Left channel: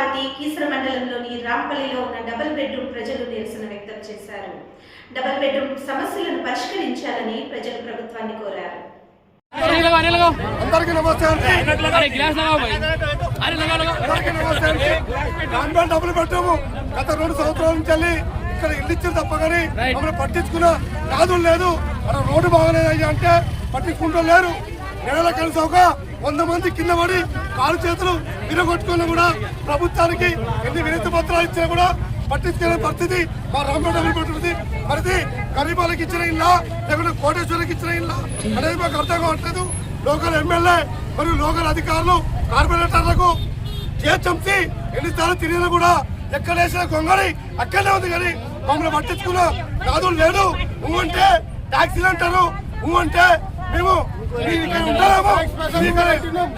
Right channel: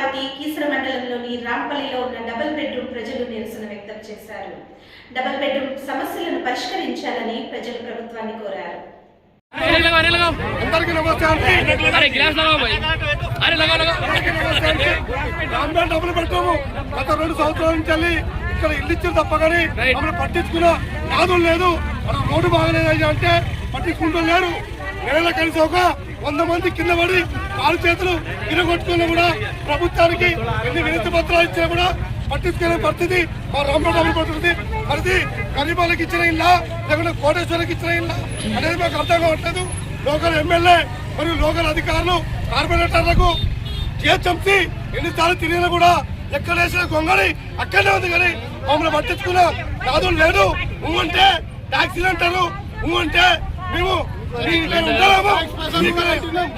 Municipality Keesara మండలంలోని రాంపల్లిలో ఉన్న double bedroom ప్రజలు నిరసన వ్యక్తం చేశారు. డబుల్ బెడ్రూమ్ సమస్యలను పరిష్కరించాలని ప్రజలు ప్రభుత్వాన్ని కోరారు. అందరికీ నమస్తే అండి. డబ్బులు పెట్టాము. గత 2 సంవత్సరాల నుంచి వెళ్ళి ఇక్కడ ఇల్లు ఇచ్చారు తప్ప కానీ మమ్మల్ని పట్టించుకున్న నాదులు లేదు. అక్కడ రోడ్డు బాగలేదు అంటే పట్టించుకుంటూ లేరు. నెలలో కలిసి ఒక 100 మంది కింద పడి కాలు చేతులు విరగొట్టుకున్నా కూడా ప్రభుత్వానికి ఎన్ని వినతి పత్రాలు ఇచ్చినా కూడా పట్టించుకునే పరిస్థితి మా రాంపేట డబ్బులు పెట్టుకుంది. మరి గరీబాలకు ఇచ్చిన ఇల్లా లేకుంటే కోటేశ్వరికి ఇచ్చిన ఇల్లా అనేది మాకు అర్థం కావట్లేదు. లోకల్ ఎమ్మెల్యే మరియు లోకల్ అధికారులు కార్పొరేటర్లకు జిహెచ్ఎంసీ ఎన్నిసార్లు తిరిగినా కూడా ఎక్కడ వేసిన గొంగళి అక్కడనే ఉంది. కానీ మమ్మల్ని పట్టించుకున్న నాదులు లేదు. అంటే ట్యాక్సీలు అంటారు. అంటే మేము ఉంటారేమో,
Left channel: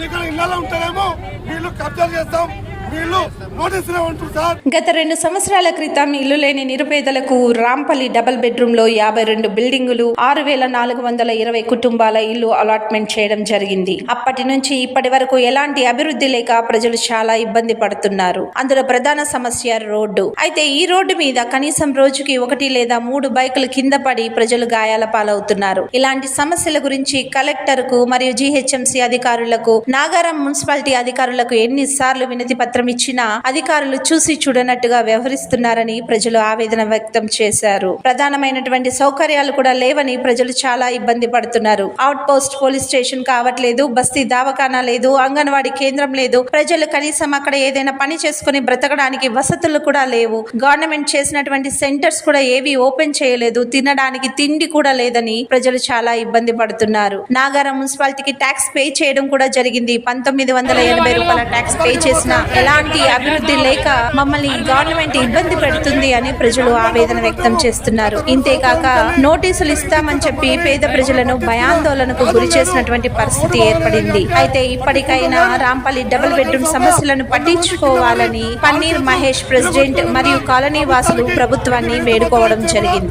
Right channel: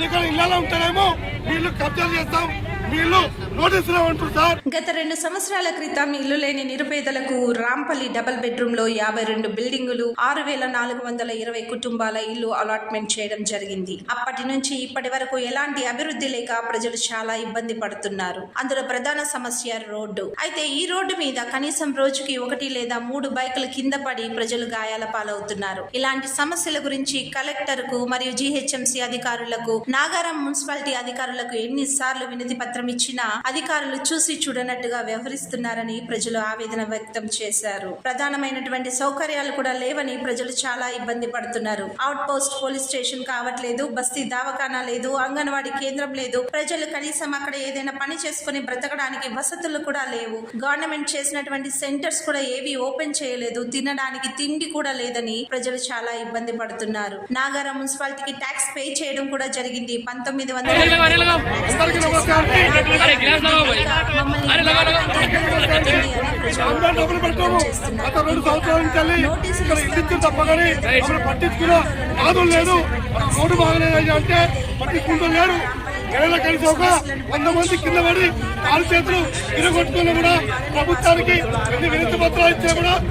ఇక్కడ ఇళ్ళలో ఉంటారేమో, వీళ్ళు కబ్జాలు చేస్తాం, వీళ్ళు నోటీసులు అంటారు సార్. గత 2 సంవత్సరాల క్రితం ఇల్లు లేని నిరుపేదలకు రాంపల్లి డబుల్ బెడ్రూమ్ లో 52 బిల్డింగులు 6420 కుటుంబాల ఇల్లు అలాట్మెంట్ చేయడం జరిగింది. అప్పటి నుంచి ఇప్పటి వరకు ఎలాంటి అభివృద్ధి లేక ప్రజలు చాలా ఇబ్బంది పడుతున్నారు. అందులో ప్రధాన సమస్య రోడ్డు. అయితే ఈ రోడ్డు మీద కనీసం రోజుకి 1 లేదా 3 బైకులు కింద పడి ప్రజలు గాయాల పాలవుతున్నారు. ఇలాంటి సమస్యల గురించి కలెక్టర్ కు మరియు జీహెచ్ఎంసీ అధికారులకు, నాగారం మున్సిపాలిటీ అధికారులకు ఎన్నిసార్లు వినతి పత్రం ఇచ్చినా అధికారులు చూసి చూడనట్టుగా వ్యవహరిస్తున్నారని ప్రజలు ఆవేదన వ్యక్తం చేశారు. ప్రధానమైనటువంటి సౌకర్యాలు కూడా లేవని ప్రజలు చాలా ఇబ్బంది పడుతున్నారు. అవుట్ పోస్ట్ పోలీస్ స్టేషన్ కావట్లేదు, బస్తీ దవాఖానా లేదు, అంగన్వాడీ కేంద్రం లేదు. ప్రజలు కనీసం అక్కడ ఏదైనా పని చేసుకుని బ్రతకడానికి వసతులు కూడా లేవు. గవర్నమెంట్ చేసినటువంటి సెంటర్స్ కూడా ఏవి ఓపెన్ చేయలేదు. తినడానికి తిండి కూడా లేదని ప్రజలు చాలా ఇబ్బంది పడుతున్నారు. నాగారం మున్సిపాలిటీకి ట్యాక్స్ పే చేయడం కూడా జరిగింది. 1980 రూపాయల ట్యాక్స్ పే చేసిన ఎలాంటి అభివృద్ధి లేక మమ్మల్ని గవర్నమెంట్ ఇబ్బంది పెడుతుంది అని ప్రజలు ఆవేదన వ్యక్తం చేస్తున్నారు. ఇంతేకాక నోటీసులు ఇస్తామని చెప్పి పేద ప్రజలను భయాందోళనకు గురి చేసినటువంటి పరిస్థితి ఏర్పడింది. అయితే ఇప్పటికైనా రాంపల్లి డబుల్ బెడ్రూమ్ సమస్యలను పట్టించుకోవాలని పన్నీర్ మహేష్ ప్రెసిడెంట్ మరియు కాలనీ వాసులు ప్రభుత్వాన్ని వేడుకోవడం జరిగింది.